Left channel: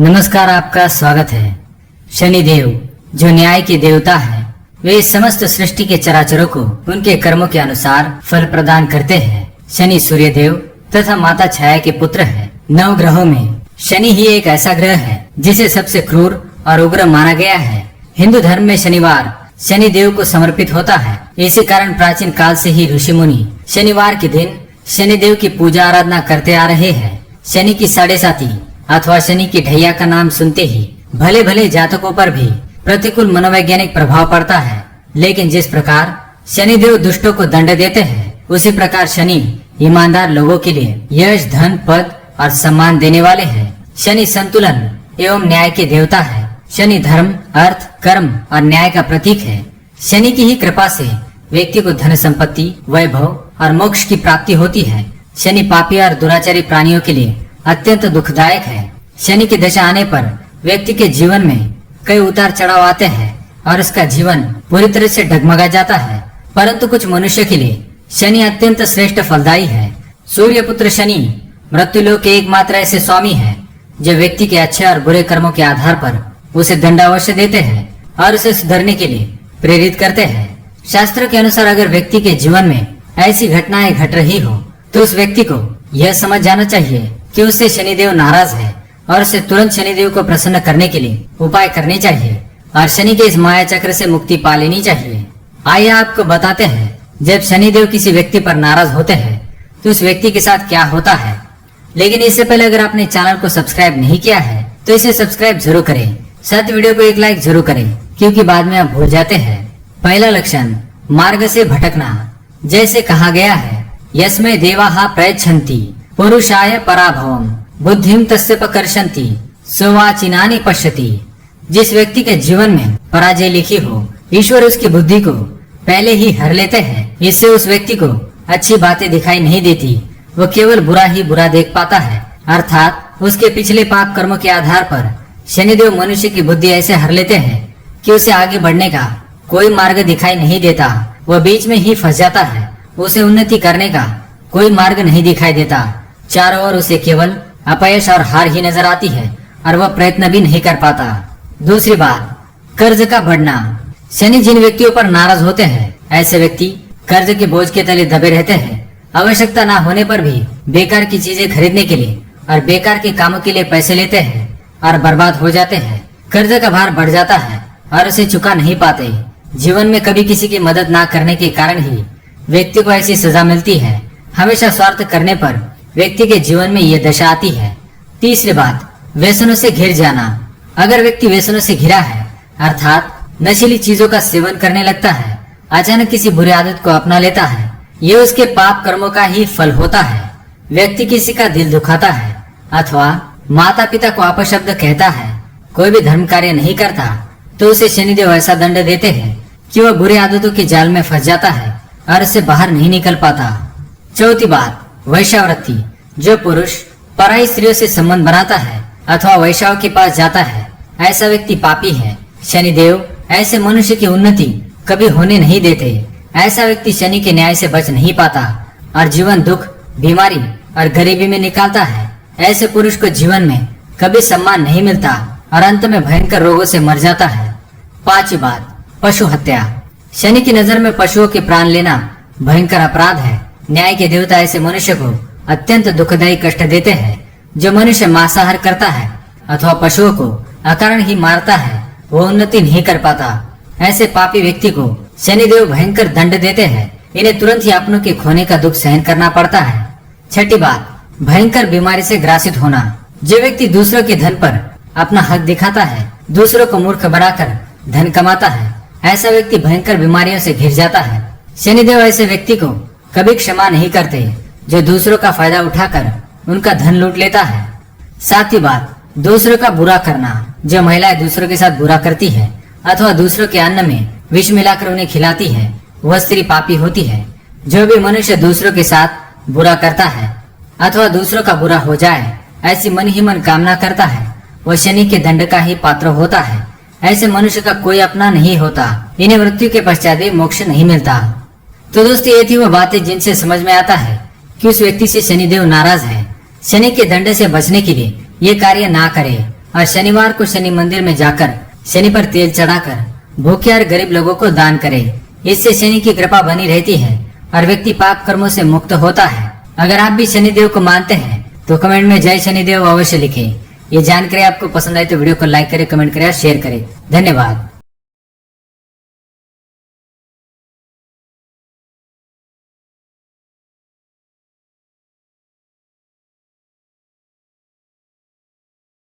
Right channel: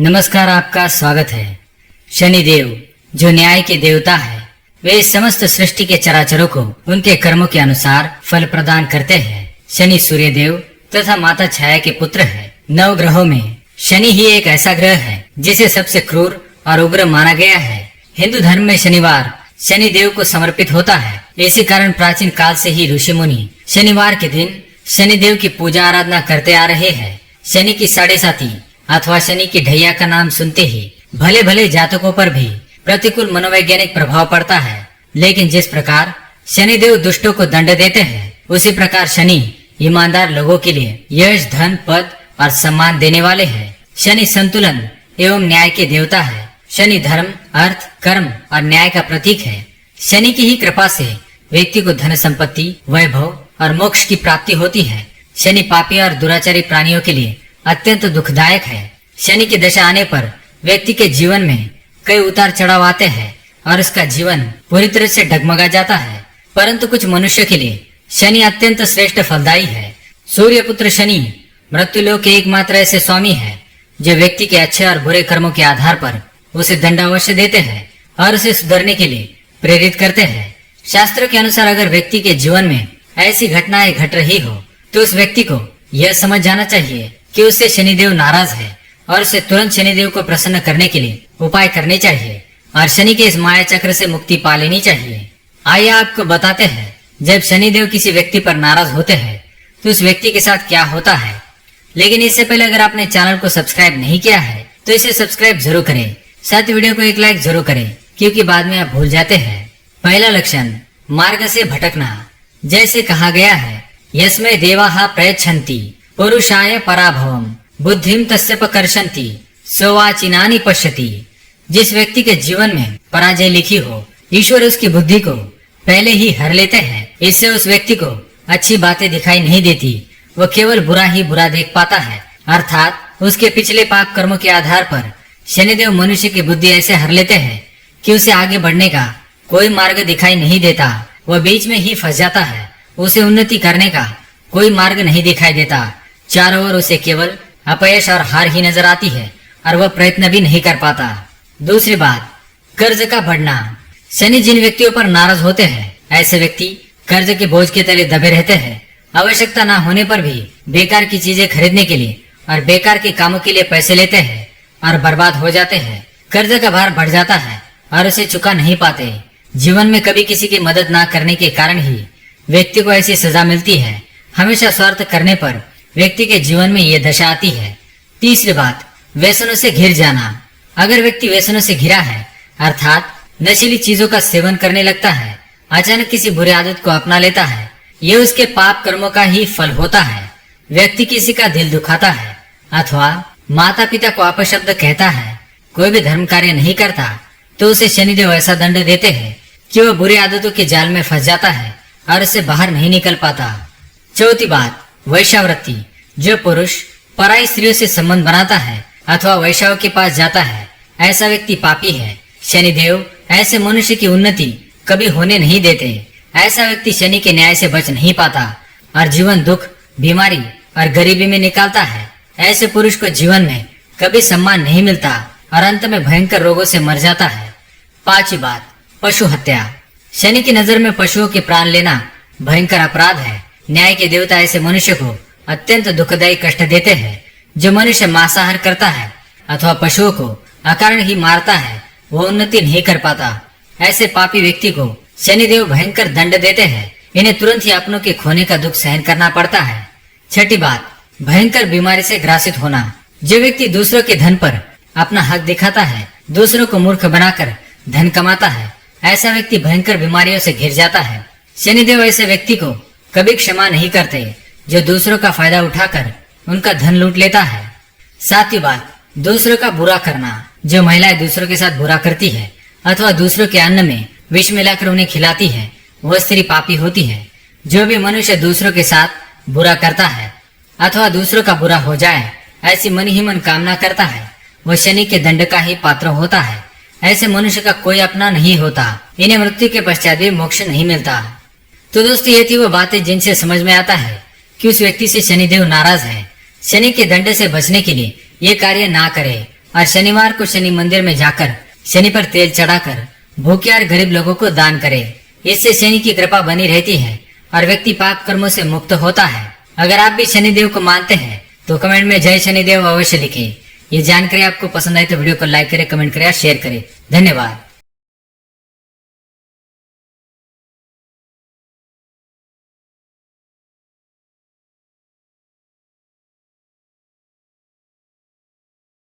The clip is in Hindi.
नमस्कार, आपका स्वागत है। शनिदेव जो न्याय के देवता है, वे समस्त सृष्टि के चराचरों को उनके कर्मों के अनुसार फल प्रदान करते हैं। शनि सूर्य देव तथा माता छाया के पुत्र है। 9 ग्रहों में शनि ही एक ऐसा ग्रह है जिसे सबसे क्रूर और उग्र माना गया है। हिंदू धर्म में शनिवार शनि देव को समर्पित होता है। इसी कारण प्राचीन काल से ही ऋषि मुनि शनिवार के दिन शनि देव की पूजा आराधना करते आ रहे हैं। शनि की 7.5 अथवा शनि की ढैया का नाम सुनते ही भले भले जातकों पर भी प्रतिकूल मनोवैज्ञानिक प्रभाव पड़ता है, लेकिन जिस प्रकार शनिदेव दुष्टों को दंड देते हैं, उसी प्रकार शनि ईमानदार लोगों के लिए यश, धन, पद और सम्मान देने वाले हैं। शनि संतुलन एवं न्याय के देवता है। शनि धर्म, अर्थ, कर्म और न्याय का प्रतीक है। शनि की ही कृपा से व्यक्ति को धन संपत्ति, वैभव और मोक्ष की प्राप्ति होती है। शनि पापी और दुराचारी प्राणियों के लिए अत्यंत दुखदायक है। शनि की दशा आने पर व्यक्ति के जीवन में कई उतार चढ़ाव आते हैं और उसका जीवन पूरी तरह से डगमगा जाता है। परंतु कुछ मनुष्य के लिए शनि अत्यंत श्रेष्ठ फलदायी है। सूर्य पुत्र शनि मृत्युलोक के एकमात्र ऐसे स्वामी है जो व्यक्ति के अच्छे और बुरे कर्मों के आधार पर उसे दंड अवश्य देते हैं और उसे सुधरने के लिए प्रेरित करते हैं। शास्त्रों के अनुसार अगर व्यक्ति के जीवन में ऐसी घटनाएं घट रही हो तो उस व्यक्ति को यह समझ जाना चाहिए कि उससे शनिदेव नाराज है और उसे तुरंत शनिदेव को प्रसन्न करने के लिए उपाय करने चाहिए और शनि के इस माया चक्र से मुक्ति पा लेनी चाहिए। आइए आपको बताते हैं, जब शनिदेव किसी व्यक्ति पर नाराज होते हैं तो उस व्यक्ति के साथ क्या होता है। लेकिन इससे पहले अगर आपने चैनल को सब्सक्राइब नहीं किया है तो इसे सब्सक्राइब जरूर करें, साथ ही वीडियो को एक लाइक जरूर करें, क्योंकि बाद में आप भूल जाते हैं। पहला लक्षण, मार्ग से भटकना। जैसे कहा गया है, यस्मै देवाः प्रयच्छन्ति पुरुषाय पराभवम बुद्धिम तस्य पकर्षन्ति सोवाचिनानि पश्यति। जिस व्यक्ति के जीवन में पराजय लिखी हो, ईश्वर उसकी बुद्धि को पहले ही हर लेते हैं। इससे उस व्यक्ति को अच्छी बातें दिखाई नहीं देती, वो केवल बुरा ही बुरा देख पाता है। अर्थात उसके पिछले पाप कर्मों के आधार पर शनिदेव मनुष्य की बुद्धि ऐसे हर लेते हैं कि उसे आगे बढ़ने का कोई मार्ग दिखाई नहीं देता। वह बीच में ही फंस जाता है। उसे उन्नति करने का कोई मार्ग नहीं दिखाई देता। चारों ओर उसे केवल अपयश और हार ही नजर आती है और वह प्रयत्न भी नहीं कर पाता। दूसरी बात, कर्ज का बढ़ना। शनि जिन व्यक्तियों पर नाराज होते हैं, ऐसे व्यक्ति कर्ज के बोझ के तले दबे रहते हैं। आवश्यकता ना होने पर भी बेकार की चीजें खरीदने के लिए और बेकार के कामों के लिए पैसे लेते हैं और बर्बाद हो जाते हैं। कर्ज का भार बढ़ जाता है और उसे चुका नहीं पाते। जीवन में कभी किसी की मदद ना करने के कारण ही व्यक्ति को ऐसी सजा मिलती है। हमेशा स्वार्थ करने पर व्यक्ति के जीवन में ये दशा आती है। तीसरी बात, व्यसनों से घिर जाना। अगर व्यक्ति व्यसनों से घिरा है, अर्थात नशीली चीजों का सेवन करने लगता है, अचानक किसी बुरी आदत को अपना लेता है, ये उसके पाप कर्मों का ही फल होता है। व्यक्ति किसी का दिल दुखाता है अथवा माता पिता को अपशब्द कहता है, कोई भी धर्म कार्य नहीं करता, तो उसे शनिदेव ऐसा दंड देते हैं कि वह बुरी आदतों के जाल में फंस जाता है और इससे बाहर नहीं निकल पाता। चौथी बात, वैश्यावृत्ति। जो पुरुष पराई स्त्रियों से संबंध बनाता है अथवा वैश्याओं के पास जाता है, ऐसा व्यक्ति पापी है। शनिदेव ऐसे मनुष्य की उन्नति कभी होने नहीं देते। ऐसा व्यक्ति शनि के न्याय से बच नहीं पाता और जीवन दुख, बीमारी और गरीबी में निकालता है। ऐसे पुरुष को जीवन में कभी सम्मान नहीं मिलता और अंत में भयंकर रोगों से मर जाता है। पांचवी बात, पशु हत्या। शनि की नजर में पशुओं के प्राण लेना भयंकर अपराध है। न्याय के देवता ऐसे मनुष्य को अत्यंत दुखदायी कष्ट देते हैं। जो मनुष्य मांसाहार करता है अथवा पशुओं को अकारण ही मारता है, वो उन्नति नहीं कर पाता। ऐसे पापी व्यक्ति को शनिदेव भयंकर दंड देते हैं। इन्हें तुरंत ही अपनों के खोने का दुख सहन करना पड़ता है। छठी बात, भयंकर बीमारी से ग्रासित होना। जो व्यक्ति दूसरों के धन पर अपना हक दिखाता है, दूसरों को मूर्ख बनाकर धन कमाता है, ऐसा व्यक्ति भयंकर बीमारियों से घिर जाता है। शनिदेव ऐसे व्यक्ति को कभी क्षमा नहीं करते जो दूसरों का फायदा उठाकर उनका धन लूट लेता है। सातवीं बात, दूसरों का बुरा करना। जो महिलाएं दूसरों के साथ बुरा करती है अथवा दूसरों के अन्न में विष मिलाकर उन्हें खिलाती है, वह स्त्री पापी होती है। जो भी मनुष्य दूसरों के साथ बुरा करता है अथवा दूसरों का बुरा हो जाए, ऐसी मन ही मन कामना करता है, वह शनि के दंड का ही पात्र होता है। ऐसे मनुष्य का कोई अपना नहीं होता। इन्हें मृत्यु के पश्चात भी मोक्ष नहीं मिलता। तो दोस्तों, ये थी वो बातें जिनसे समझ में आता है कि उस व्यक्ति से शनिदेव नाराज है। शनि के दंड से बचने के लिए ये कार्य ना करें और शनिवार को शनि मंदिर में जाकर शनि पर तेल चढ़ाकर भूखे और गरीब लोगों को दान करें। इससे शनि की कृपा बनी रहती है और व्यक्ति पाप कर्मों से मुक्त होता है। अगर आप भी शनिदेव को मानते हैं तो कमेंट में जय शनिदेव अवश्य लिखें। ये जानकारी आपको पसंद आई तो वीडियो को लाइक करें, कमेंट करें और शेयर करें। धन्यवाद।